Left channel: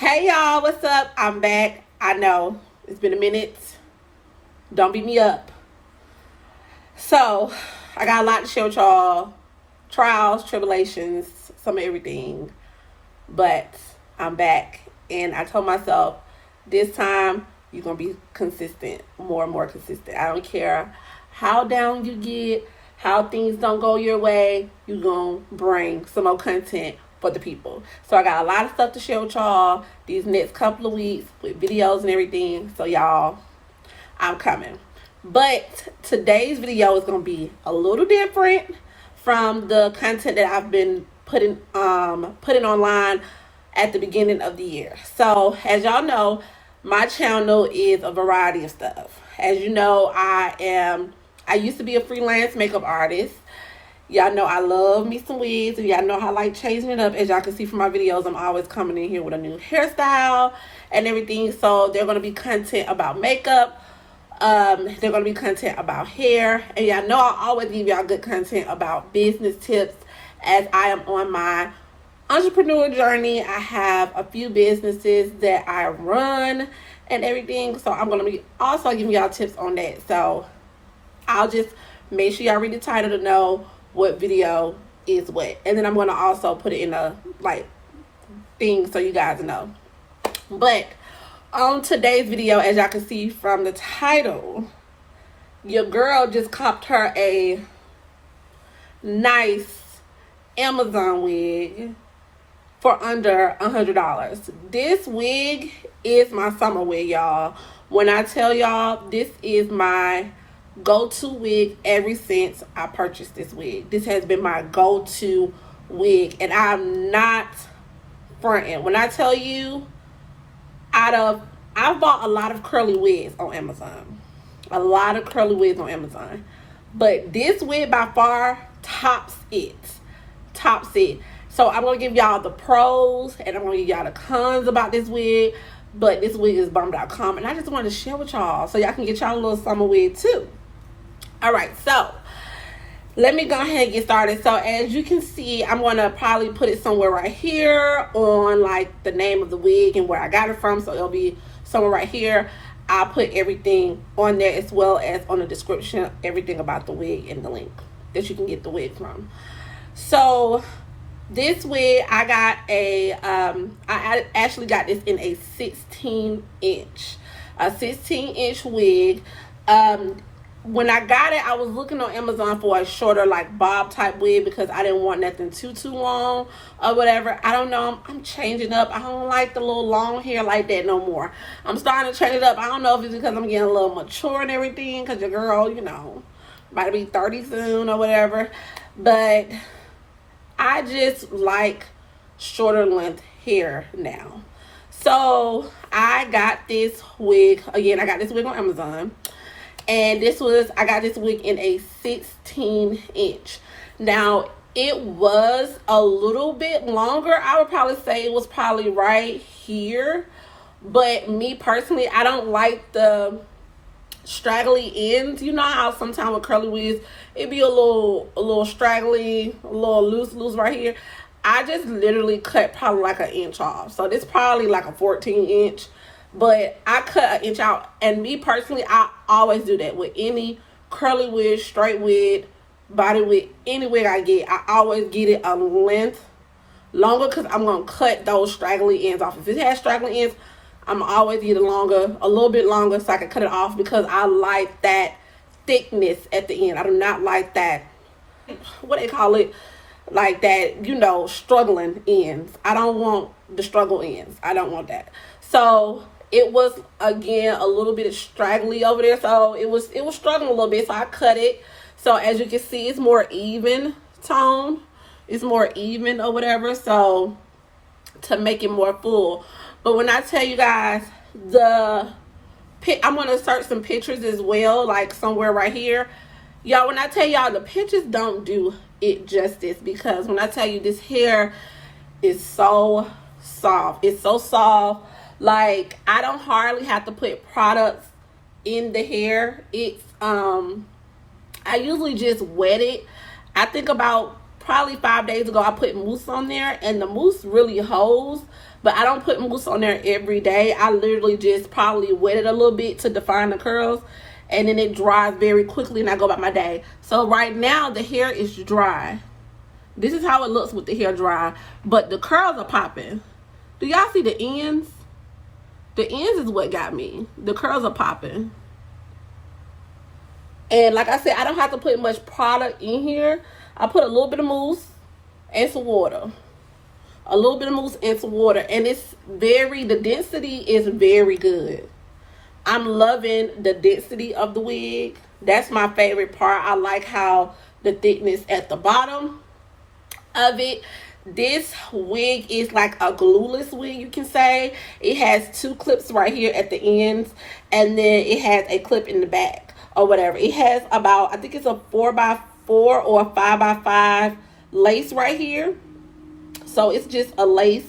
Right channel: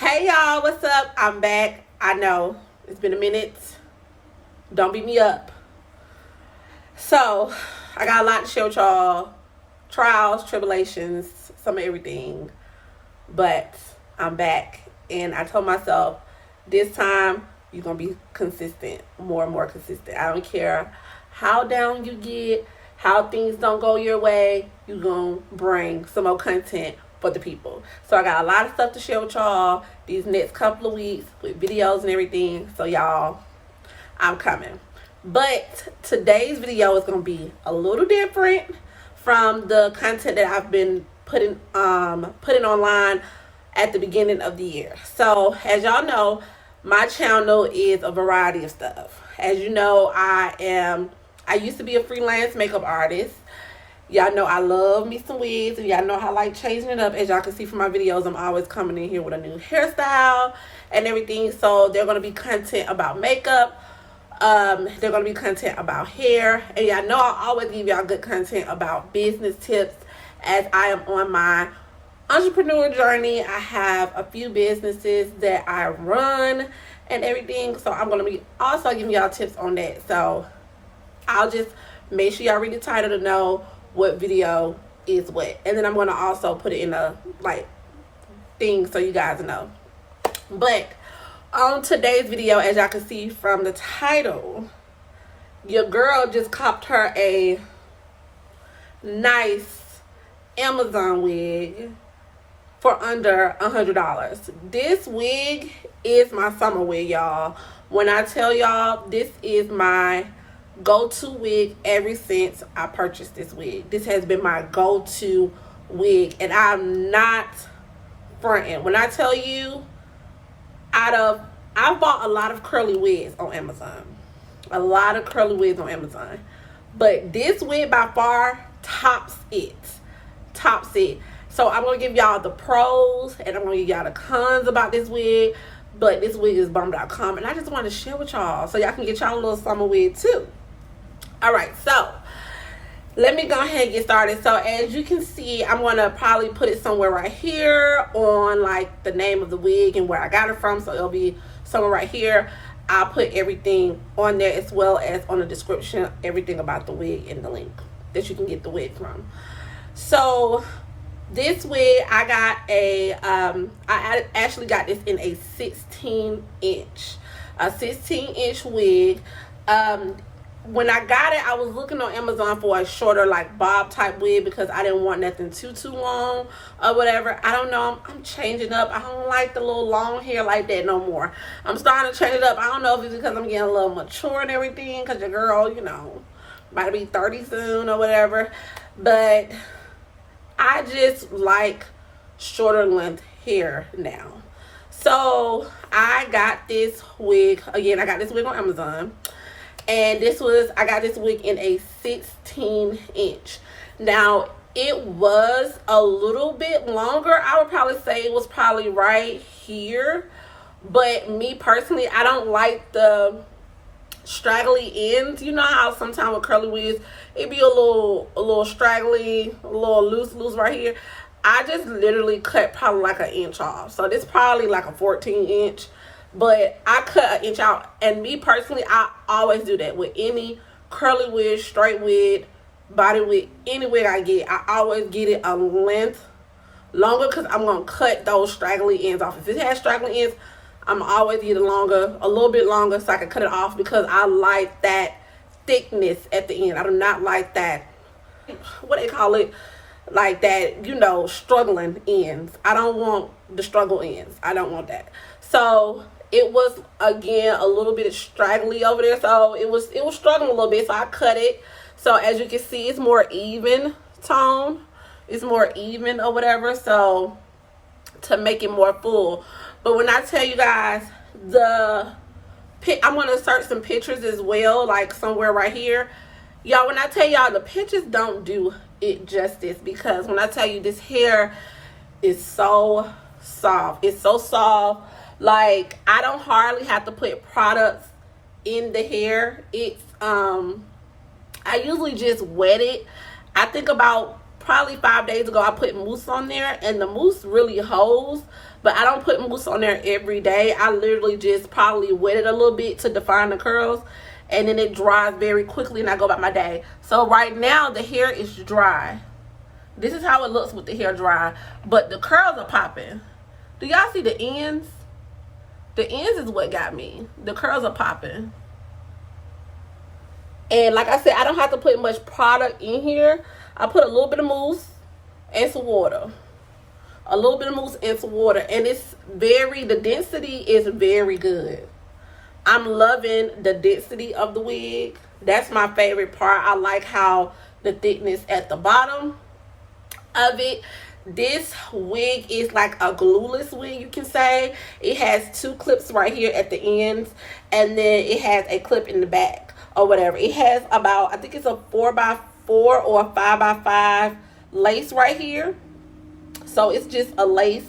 Hey y'all, what's up? I'm back. I know it's been a minute. Don't beat me up. So, I got a lot to share with y'all. Trials, tribulations, some of everything. But I'm back. And I told myself this time you're going to be consistent, more and more consistent. I don't care how down you get, how things don't go your way, you're going to bring some more content for the people. So I got a lot of stuff to share with y'all these next couple of weeks with videos and everything. So y'all, I'm coming. But today's video is going to be a little different from the content that I've been putting online at the beginning of the year. So as y'all know, my channel is a variety of stuff. As you know, I used to be a freelance makeup artist. Y'all know I love me some wigs, and y'all know how I like changing it up. As y'all can see from my videos, I'm always coming in here with a new hairstyle and everything. So they're going to be content about makeup. They're going to be content about hair. And y'all know I always give y'all good content about business tips as I am on my entrepreneur journey. I have a few businesses that I run and everything. So I'm going to be also giving y'all tips on that. So I'll just make sure y'all read the title to know what video is what, and then I'm going to also put it in a thing so you guys know. But on today's video, as y'all can see from the title, your girl just copped her a nice Amazon wig for under $100. This wig is my summer wig, y'all. When I tell y'all, this is my go-to wig ever since I purchased this wig. This has been my go-to wig, and I'm not fronting when I tell you, I've bought a lot of curly wigs on Amazon, but this wig by far tops it. So I'm gonna give y'all the pros and I'm gonna give y'all the cons about this wig, but this wig is bomb.com, and I just wanted to share with y'all so y'all can get y'all a little summer wig too. All right, so let me go ahead and get started. So as you can see, I'm going to probably put it somewhere right here on like the name of the wig and where I got it from. So it'll be somewhere right here. I'll put everything on there as well as on the description, everything about the wig and the link that you can get the wig from. So this wig, I got I actually got this in a 16-inch wig. When I got it, I was looking on Amazon for a shorter like bob type wig because I didn't want nothing too long or whatever. I don't know, I'm changing up. I don't like the little long hair like that no more. I'm starting to change it up. I don't know if it's because I'm getting a little mature and everything, because your girl, you know, about to be 30 soon or whatever. But I just like shorter length hair now. So I got this wig, again, I got this wig on Amazon. And I got this wig in a 16-inch. Now, it was a little bit longer. I would probably say it was probably right here. But me personally, I don't like the straggly ends. You know how sometimes with curly wigs, it be a little straggly, a little loose right here. I just literally cut probably like an inch off. So this probably like a 14-inch. But I cut an inch out, and me personally, I always do that with any curly wig, straight wig, body wig, any wig I get. I always get it a length longer because I'm going to cut those straggly ends off. If it has straggly ends, I'm always get it longer, a little bit longer, so I can cut it off because I like that thickness at the end. I do not like that, what they call it, like that, you know, struggling ends. I don't want the struggle ends. I don't want that. So it was, again, a little bit straggly over there, so it was struggling a little bit, so I cut it. So as you can see, it's more even tone, it's more even or whatever, so to make it more full. But when I tell you guys, I'm going to insert some pictures as well, like somewhere right here. Y'all, when I tell y'all, the pictures don't do it justice, because when I tell you, this hair is so soft. It's so soft. Like, I don't hardly have to put products in the hair. It's I usually just wet it. I think about probably 5 days ago, I put mousse on there, and the mousse really holds. But I don't put mousse on there every day. I literally just probably wet it a little bit to define the curls, and then it dries very quickly, and I go about my day. So right now the hair is dry. This is how it looks with the hair dry, but the curls are popping. Do y'all see the ends? The ends is what got me. The curls are popping. And like I said, I don't have to put much product in here. I put a little bit of mousse and some water. A little bit of mousse and some water. And it's the density is very good. I'm loving the density of the wig. That's my favorite part. I like how the thickness at the bottom of it. This wig is like a glueless wig, you can say. It has 2 clips right here at the ends, and then it has a clip in the back or whatever. It has about, I think it's a 4x4 or a 5x5 lace right here. So it's just a lace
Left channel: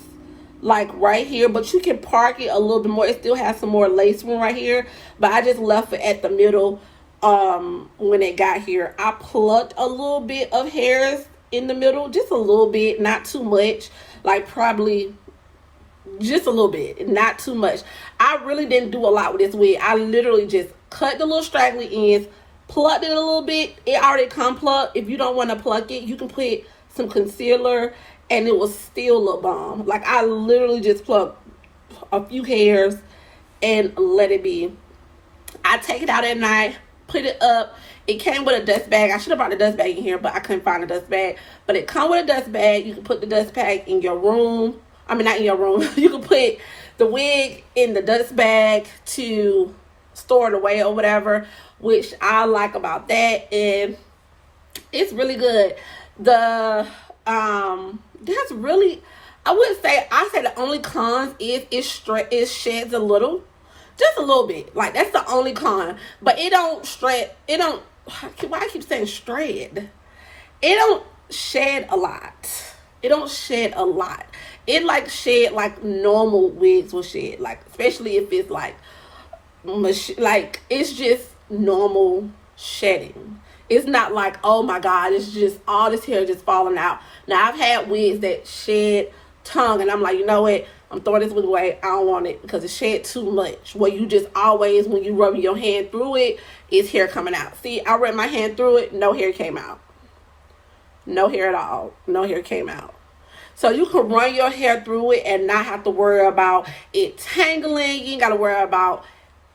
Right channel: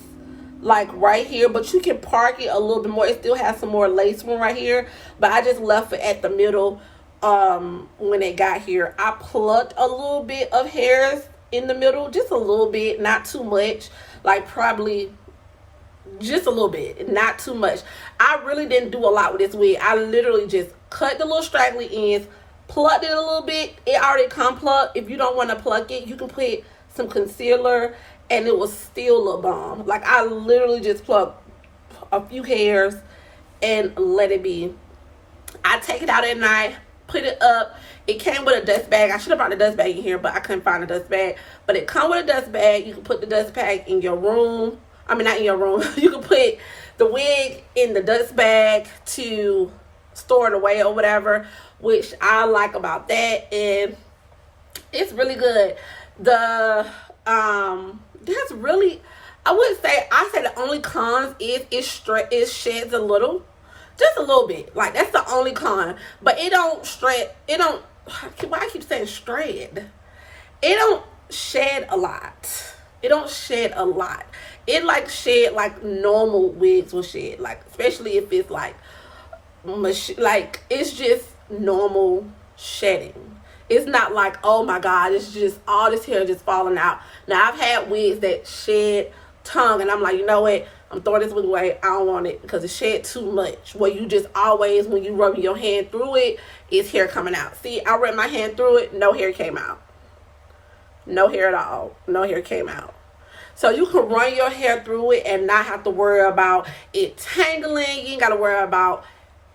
like right here, but you can park it a little bit more. It still has some more lace room right here, but I just left it at the middle. When it got here, I plucked a little bit of hairs in the middle, just a little bit, not too much, like probably just a little bit, not too much. I really didn't do a lot with this wig. I literally just cut the little straggly ends, plucked it a little bit. It already come plucked. If you don't want to pluck it, you can put some concealer and it was still look bomb. Like I literally just plucked a few hairs and let it be. I take it out at night, put it up. It came with a dust bag. I should have brought the dust bag in here, but I couldn't find a dust bag. But it comes with a dust bag. You can put the dust bag in your room. I mean, not in your room. You can put the wig in the dust bag to store it away or whatever, which I like about that. And it's really good. That's really, I say the only cons is it sheds a little. Just a little bit. Like, that's the only con. But it don't shred. It don't, why I keep saying shred? It don't shed a lot. It don't shed a lot. It like shed like normal wigs will shed. Like, especially if it's like it's just normal shedding. It's not like, oh my God, it's just all this hair just falling out. Now, I've had wigs that shed tongue, and I'm like, you know what? I'm throwing this wig away. I don't want it because it shed too much. Where you just always, when you rub your hand through it, it's hair coming out. See, I ran my hand through it. No hair came out. No hair at all. No hair came out. So you can run your hair through it and not have to worry about it tangling. You ain't got to worry about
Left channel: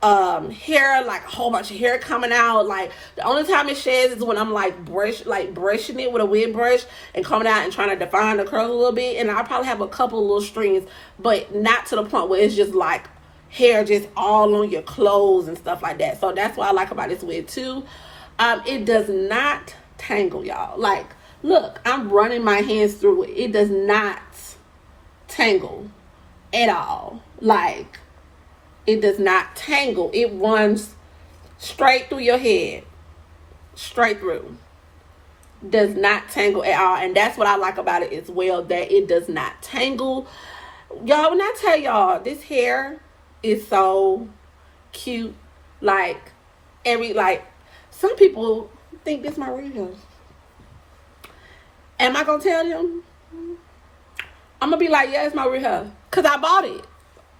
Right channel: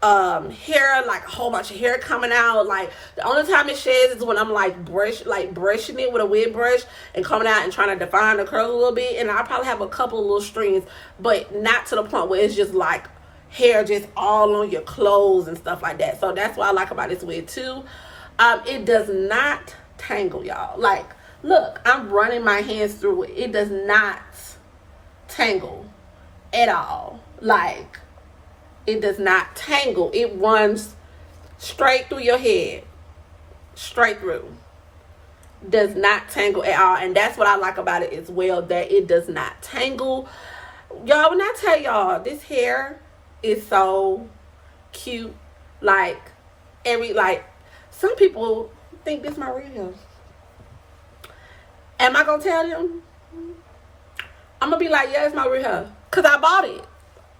hair, like a whole bunch of hair coming out. Like, the only time it sheds is when I'm like brushing it with a wig brush and coming out and trying to define the curl a little bit. And I probably have a couple of little strings, but not to the point where it's just like hair just all on your clothes and stuff like that. So that's what I like about this wig too. It does not tangle, y'all. Like, look, I'm running my hands through it. It does not tangle at all. Like, it does not tangle. It runs straight through your head. Straight through. Does not tangle at all. And that's what I like about it as well, that it does not tangle. Y'all, when I tell y'all, this hair is so cute. Like, some people think this is my real hair. Am I going to tell them? I'm going to be like, yeah, it's my real hair. Because I bought it.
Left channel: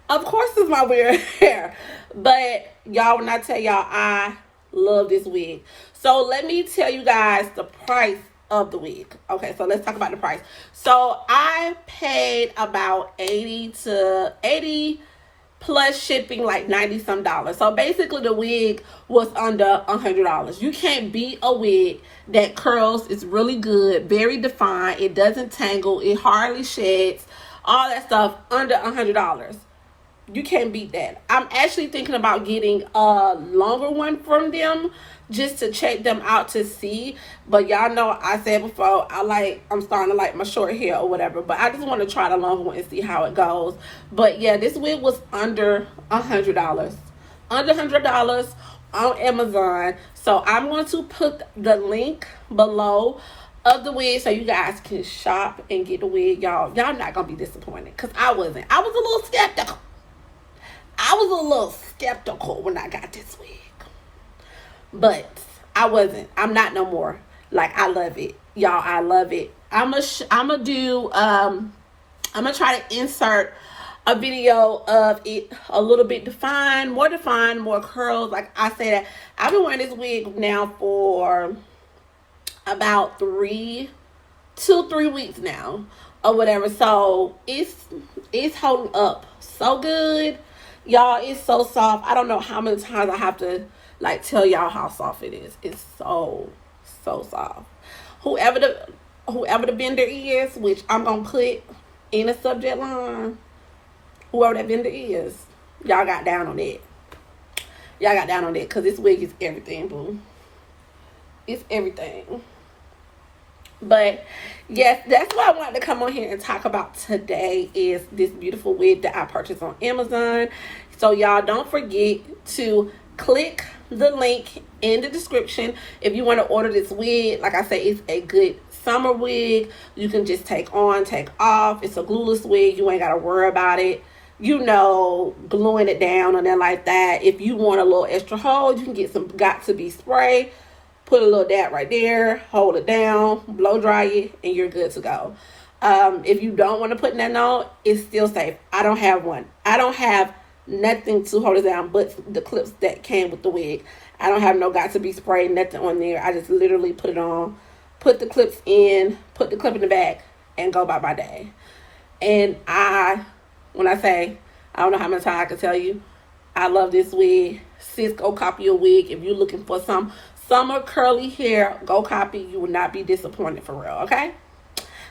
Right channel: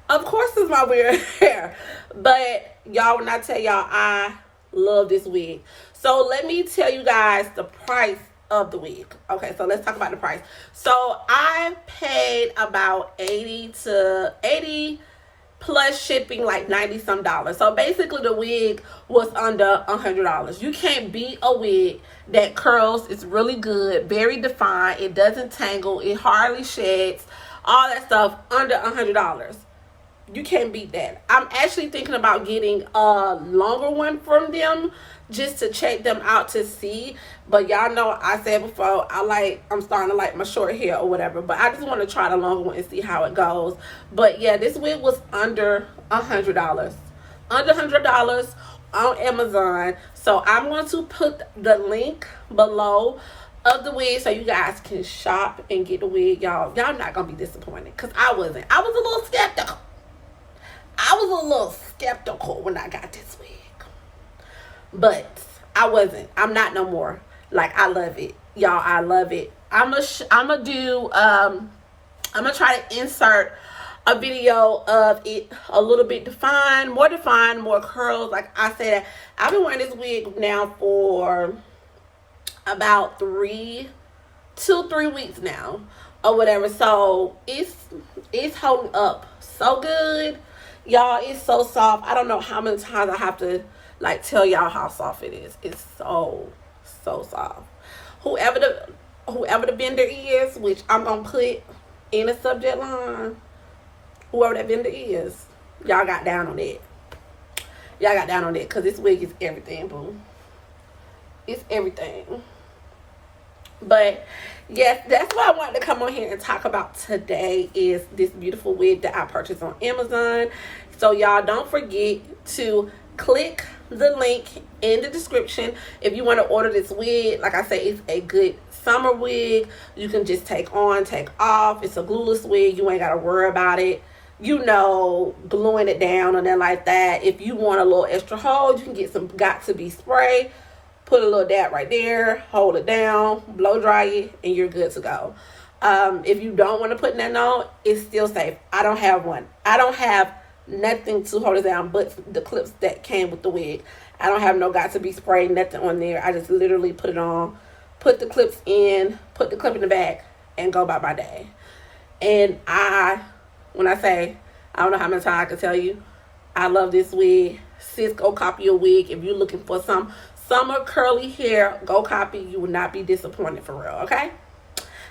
Of course it's my weird hair. But y'all, when I tell y'all, I love this wig. So let me tell you guys the price of the wig. Okay, so let's talk about the price. So I paid about 80 plus shipping, like 90 some dollars. So basically the wig was under $100. You can't beat a wig that curls. It's really good, very defined. It doesn't tangle. It hardly sheds. All that stuff under $100. You can't beat that. I'm actually thinking about getting a longer one from them just to check them out to see. But y'all know I said before, I'm starting to like my short hair or whatever. But I just want to try the longer one and see how it goes. But yeah, this wig was under $100. Under $100 on Amazon. So I'm going to put the link below of the wig so you guys can shop and get the wig. Y'all not going to be disappointed. Because I wasn't. I was a little skeptical. When I got this wig. But I wasn't. I'm not no more. Like, I love it. Y'all, I love it. I'm gonna try to insert a video of it a little bit defined, more curls. Like I said, I've been wearing this wig now for about 2-3 weeks now or whatever. So it's holding up so good, y'all. It's so soft. I don't know how many times I have to like tell y'all how soft it is. It's so soft. Whoever the vendor is, which I'm gonna put in the subject line, whoever that vendor is, y'all got down on it. Y'all got down on it, because this wig is everything, boo. It's everything. But yes, that's what I wanted to come on here and talk about today, is this beautiful wig that I purchased on Amazon. So y'all don't forget to click the link in the description if you want to order this wig. Like I said, it's a good summer wig. You can just take on, take off. It's a glueless wig. You ain't got to worry about it, you know, gluing it down or nothing like that. If you want a little extra hold, you can get some got to be spray. Put a little dab right there, hold it down, blow dry it, and you're good to go. If you don't want to put that on, it's still safe. I don't have one. I don't have nothing to hold it down but the clips that came with the wig. I don't have no got to be sprayed, nothing on there. I just literally put it on, put the clips in, put the clip in the back, and go about my day. And when I say, I don't know how many times I can tell you, I love this wig. Sis, go copy a wig. If you're looking for some summer curly hair, go copy. You will not be disappointed, for real, okay?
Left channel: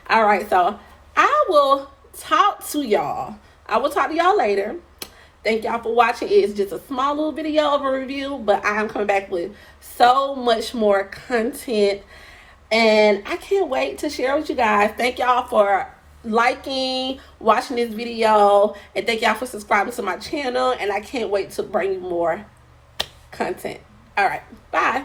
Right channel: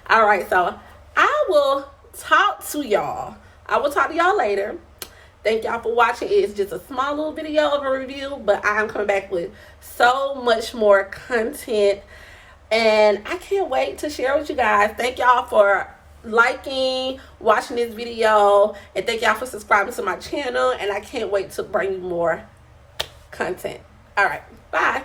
All right, so I will talk to y'all. I will talk to y'all later. Thank y'all for watching. It's just a small little video of a review, but I am coming back with so much more content, and I can't wait to share with you guys. Thank y'all for liking, watching this video, and thank y'all for subscribing to my channel, and I can't wait to bring you more content. All right, bye.